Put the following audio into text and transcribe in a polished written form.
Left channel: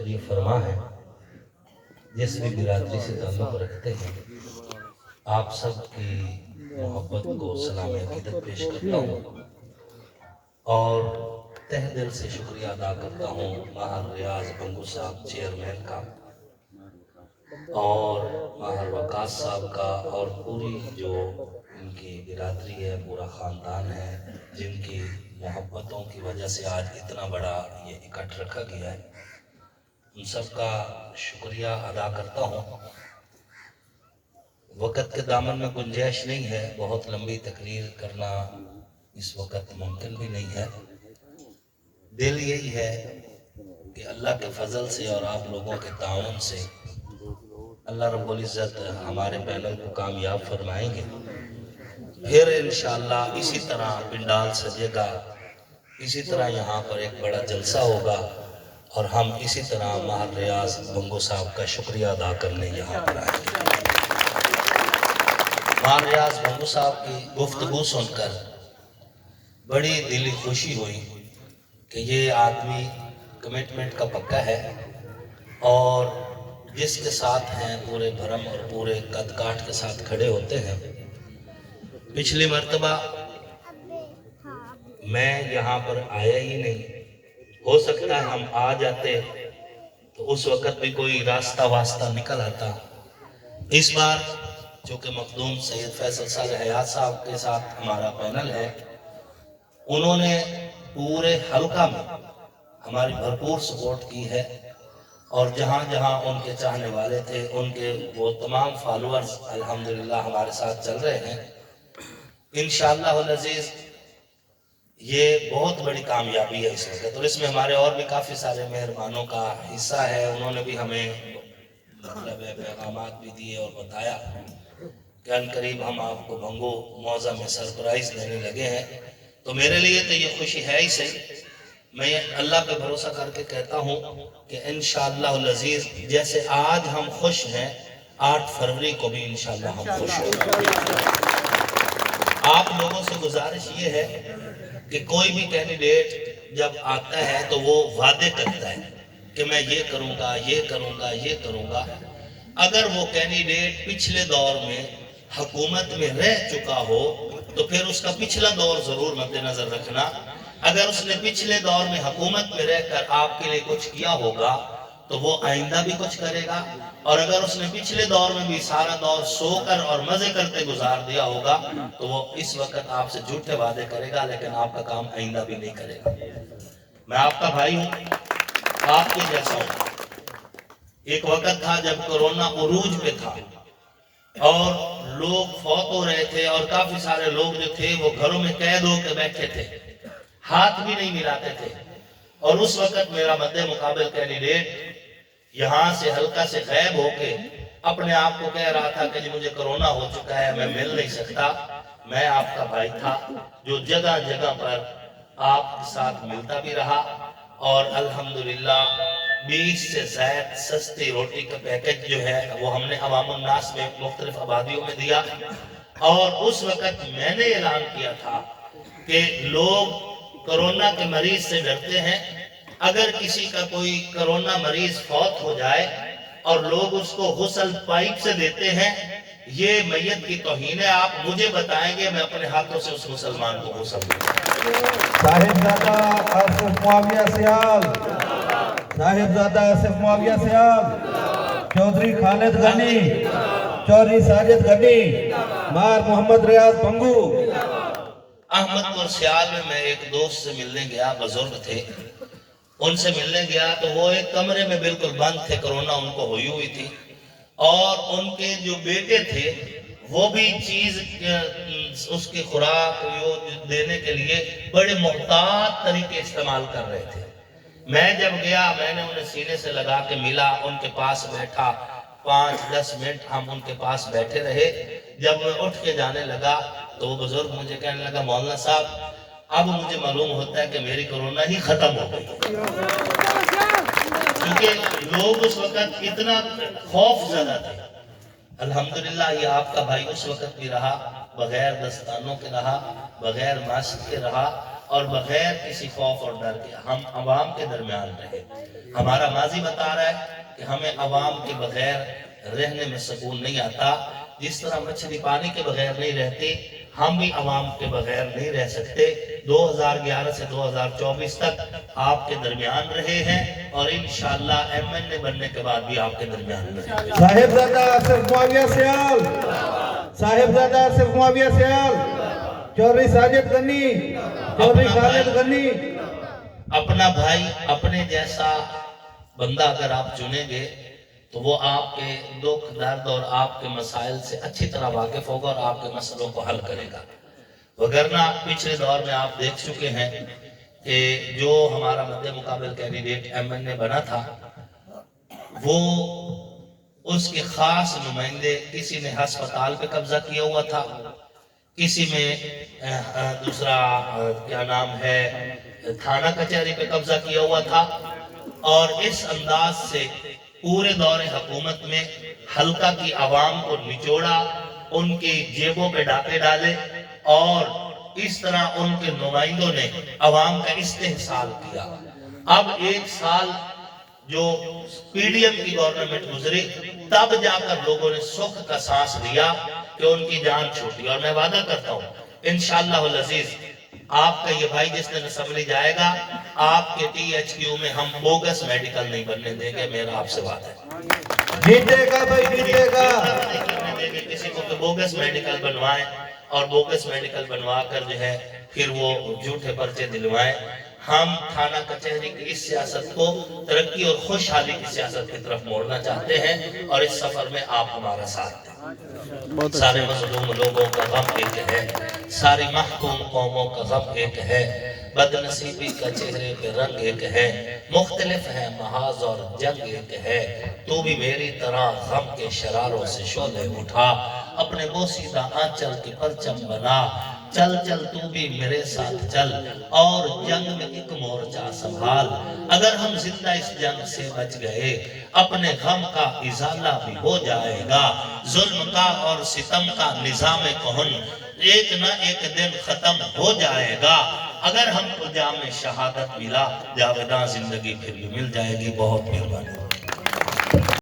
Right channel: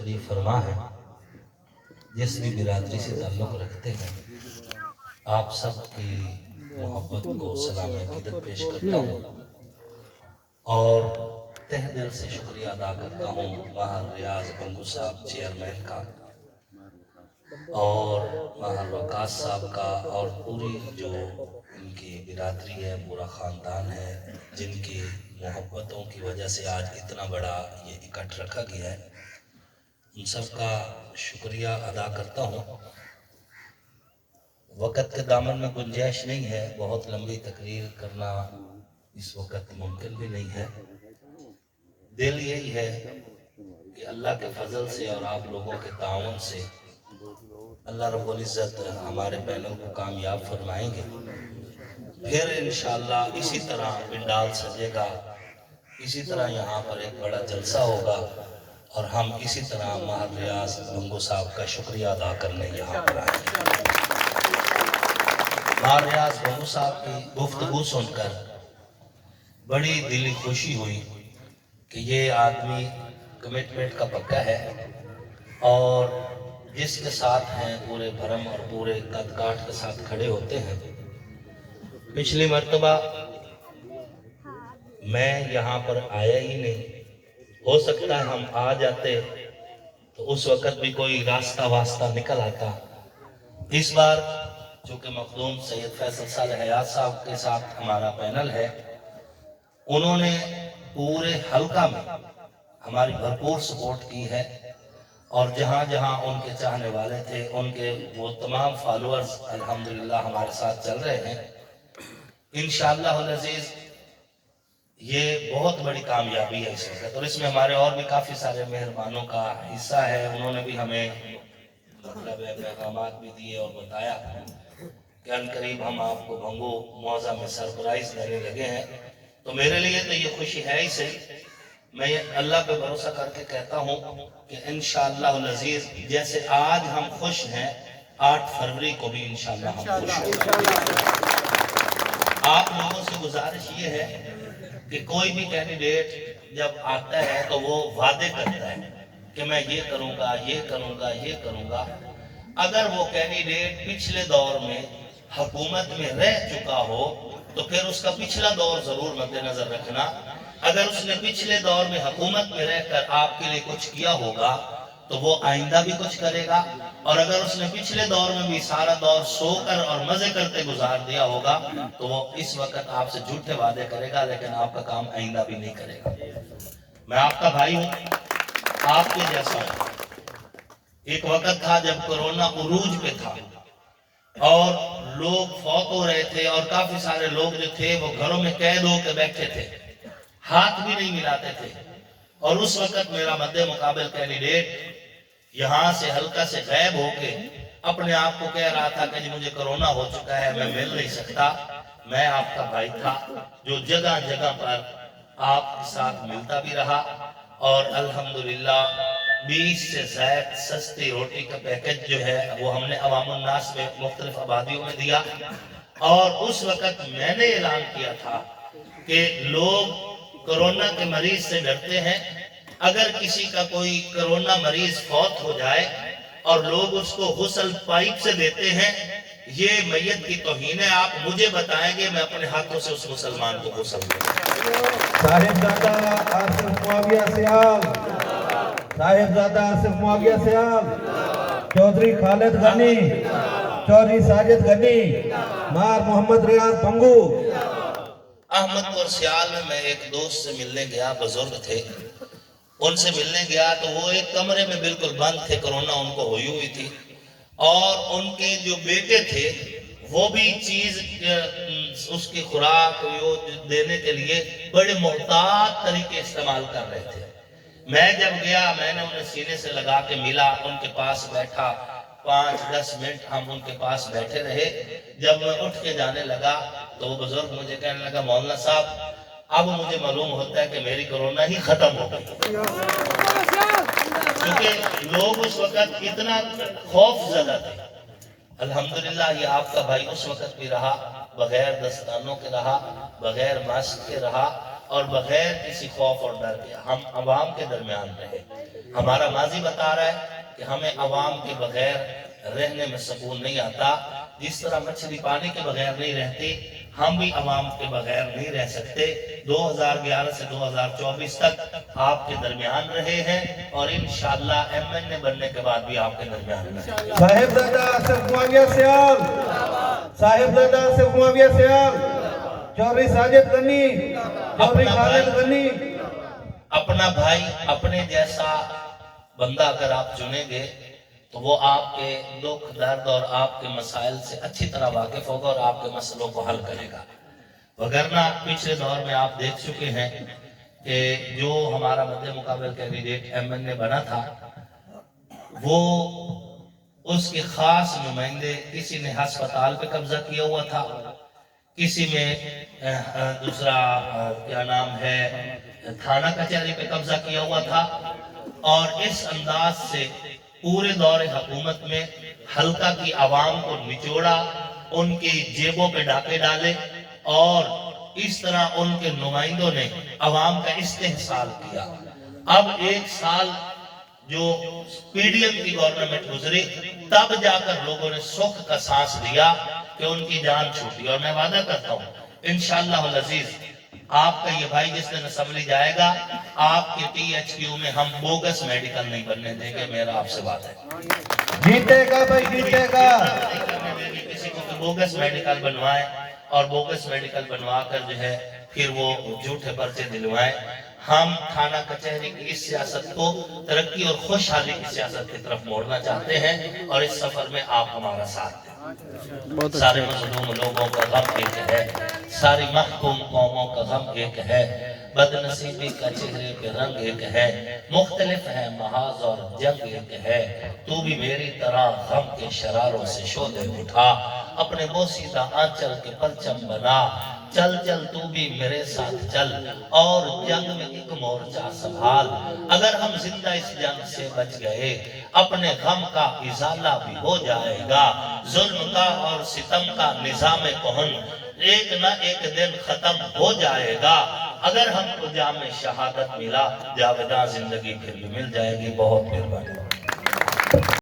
शरीफ फरमा है, जिस भी बिरादरी से ताल्लुक़ रखते हैं, आप सब की मोहब्बत को सलाम अक़ीदत पेश करता हूँ और तह दिल से शुक्रिया अदा करता हूँ माहर रियाज बंगू साहब चेयरमैन का और माहर वकास साहब का और पूरी जो इनकी बिरादरी है, पूरा ख़ानदान है, जिनकी मोहब्बतों की वजह से आज इतना बड़ा ये इकट्ठ रखा गया है, उन सब का शुक्रिया अदा करता हूँ। वक़्त के दामन में गुंजाइश नहीं है, बहुत लंबी तकरीर करना इस वक्त मुमकिन भी नहीं है। दिल यही है कि अल्लाह के फजल से और आप लोगों के ताउन से अल्लाह रब्बुल इज़्ज़त हमारे पैनल को कामयाब फरमाएंगे। फिर इंशाअल्लाह इसी तरह पिंडाल सजेगा, इसी तरह यहाँ पर एक बड़ा जलसा होगा और हम इसी तरह माहर रियाज बंगू साहब का शुक्रिया अदा करने यहाँ पर आए। माहर रियाज बंगू साहब की गुफ्तगू सुनकर बड़ी दिली खुशी हुई कि ये आदमी कमिटमेंट का पक्का है और जिसके साथ हैं पूरे भरम और पूरे कद काठ के साथ खड़े होते हैं। पिछली मर्तबा मैं यहाँ पर आया ही नहीं, हो सकता है हम आ जाते तो उस वक़्त भी कोई रास्ता वास्ता निकल आता। इस बार चूँकि मखदूम सैयद फैसल सालेह हयात साहब के साथ हमारा पैनल है, उन्होंने पूरे हल्का में हमारी भरपूर सपोर्ट की है और जहाँ जहाँ उनके चाहने वाले थे, उनके वो तमाम फॉलोअर्स अल्हम्दुलिल्लाह हमारे साथ चल रहे हैं। इंशाअल्लाह अज़ीज़ ये बहुत बड़ी कामयाबी है इस वक्त और इसमें हमारे और भी काफ़ी सारे मेहरबानों का हिस्सा है। उन्होंने भी हमें मतलब पैगामात भी दिए और बताया कि अनकरीब हम आपको भंगू मौज़ा में सरप्राइज़ देने लगे हैं। तो मेरे लिए तो ये खुशी है ही सही। मैं अल्लाह पे भरोसा करके कहता हूँ कि इंशाअल्लाह अज़ीज़ जैसे आज हम खुश हैं, 8 फरवरी को भी इंशाअल्लाह हम खुश होंगे। आप लोगों से गुजारिश ये है कि कोई भी कैंडिडेट जब आता है तो वो वादे करता है कि मैं ये करूँगा, ये करूँगा, ये करूँगा। अगर वो कैंडिडेट पिछले दौर में हुकूमत में रह चुका हो तो फिर उसका पिछला दौर ज़रूर मद्देनज़र रखना। अगर उसने पिछले दौर में हुकूमत में रहकर आपके लिए कुछ किया होगा तो वो आइंदा भी कुछ करेगा और अगर उसने पिछले दौर में भी सारा दौर सोकर और मजे करते गुजार दिया होगा तो वो इस वक्त आपसे झूठे वादे करेगा लेकिन आपका काम आइंदा भी नहीं करेगा। मैं आपका भाई हूँ, आपके जैसा हूँ। एक वक्त था जब कोरोना उरूज पे था और लोग फौत हो रहे थे और काफी सारे लोग जो थे वो घरों में कैद होकर बैठे थे, हाथ भी नहीं मिलाते थे और उस वक्त मेरा मद्दे मुकाबिल कैंडिडेट यहाँ से हल्का से गायब होके अपने आप को कह रहा था कि जी मुझे कोरोना हो चुका है, मैं मिल नहीं सकता। मैं आपका भाई था जो जगह जगह पर आपके साथ मिलता भी रहा और अल्हम्दुलिल्लाह 20 से ज़ायद सस्ती रोटी का पैकेज जो है वो हमने अवामुन नास में मुख्तलिफ आबादियों में दिया और उस वक्त मैंने ऐलान किया था कि लोग कोरोना के मरीज से डरते हैं। अगर किसी का कोई कोरोना मरीज फौत हो जाए और लोग उसको गुस्ल पाइप से देते हैं, ये मैयत की तौहीन है। आप मुझे बताएंगे, मैं अपने हाथों से उस मुसलमान को गुस्ल दूंगा। साहिबजादा आसिफ मुआविया सियाल, साहिबजादा आसिफ मुआविया सियाल, चौधरी खालिद गनी, चौधरी साजिद गनी, मार मोहम्मद रियाज भंगू। अहमदपुर सियाल में मैं एक दोस्त से मिलने गया, बुजुर्ग थे, उनसे मिलने गया तो वो एक कमरे में बिल्कुल बंद थे, कोरोना उनको हुई थी और उनके जो बेटे थे वो भी चीज उसकी खुराक देने के लिए बड़े मोहतात तरीके इस्तेमाल कर रहे थे। मैं जब गया मैंने उन्हें सीने से लगा के मिला, उनके पास बैठा, 5-10 मिनट हम उनके पास बैठे रहे। जब मैं उठ के जाने लगा तो वो बुजुर्ग मुझे कहने लगा, मौलाना साहब अब मुझे मालूम होता है कि मेरी कोरोना ही खत्म हो गई, क्योंकि लोग उस वक्त इतना खौफ ज़दा थे। अल्हम्दुलिल्लाह ये आपका भाई उस वक्त भी रहा, बगैर दस्तानों के रहा, बगैर मास्क के रहा اور بغیر کسی خوف اور ڈر کے ہم عوام کے درمیان رہے. ہمارا ماضی بتا رہا ہے کہ ہمیں عوام کے بغیر رہنے میں سکون نہیں آتا. جس طرح مچھلی پانی کے بغیر نہیں رہتی، ہم بھی عوام کے بغیر نہیں رہ سکتے. 2011 سے 2024 تک آپ کے درمیان رہے ہیں اور انشاءاللہ ایم این اے بننے کے بعد بھی آپ کے درمیان رہیں گے. صاحبزادہ آصف معاویہ سیال، صاحبزادہ آصف معاویہ سیال، چودھری ساجد غنی، چودھری خالد غنی. اپنا بھائی، اپنے جیسا بندہ اگر آپ چنیں گے تو وہ آپ کے دکھ درد اور آپ کے مسائل سے اچھی طرح واقف ہوگا اور آپ کے مسئلوں کو حل کرے گا. وگرنہ پچھلے دور میں آپ دیکھ چکے ہیں کہ جو ہمارا مد مقابل کینڈیڈیٹ ایم این اے بنا تھا، وہ اس کے خاص نمائندے، کسی نے ہسپتال پہ قبضہ کیا ہوا تھا، کسی میں دوسرا کیا نام ہے تھانہ کچہری پہ قبضہ کیا ہوا تھا. اور اس انداز سے پورے دور حکومت میں حلقہ کی عوام کو نچوڑا، ان کی جیبوں پہ ڈاکے ڈالے اور اس طرح ان کے نمائندوں نے عوام کا استحصال کیا. اب ایک سال جو پی ڈی ایم کی گورنمنٹ گزری، تب جا کر لوگوں نے سکھ کا سانس لیا کہ ان کی جان چھوٹی. اور میں وعدہ کرتا ہوں انشاءاللہ العزیز آپ کا یہ بھائی جس دن اسمبلی جائے گا، آپ کے ٹی ایچ کیو میں ہم بوگس میڈیکل نہیں بننے دیں گے. میرا آپ سے بات ہے. جیتے گا بھائی، جیتے گا. کسی کو کہ بوگس میڈیکل بنوائیں اور بوگس میڈیکل بنوا کر جو ہے پھر وہ جھوٹے پرچے دلوائیں. ہم تھانہ کچہری کی اس سیاست کو ترقی اور خوشحالی کی سیاست کی طرف موڑنا چاہتے ہیں اور اس سفر میں آپ ہمارا ساتھ دیں. سارے مظلوم لوگوں کا غم ایک ہے، ساری محکوم قوموں کا غم ایک ہے، بد نصیبی کا چہرے پہ رنگ ایک ہے، مختلف ہے محاذ اور جنگ ایک ہے. تو بھی میری طرح غم کے شراروں سے شعلے اٹھا، اپنے بوسیدہ آنچل کے پرچم بنا. چل چل تو بھی میرے ساتھ چل اور جنگ میں ایک مورچہ سنبھال. اگر ہم زندہ اس جنگ سے بچ گئے، اپنے غم کا ازالہ بھی ہو جائے گا. ظلم کا اور ستم کا نظام کہن ایک نہ ایک دن ختم ہو جائے گا. اگر ہم کو جام شہادت ملا، جاوداں زندگی پھر بھی مل جائے گی. بہت مہربانی.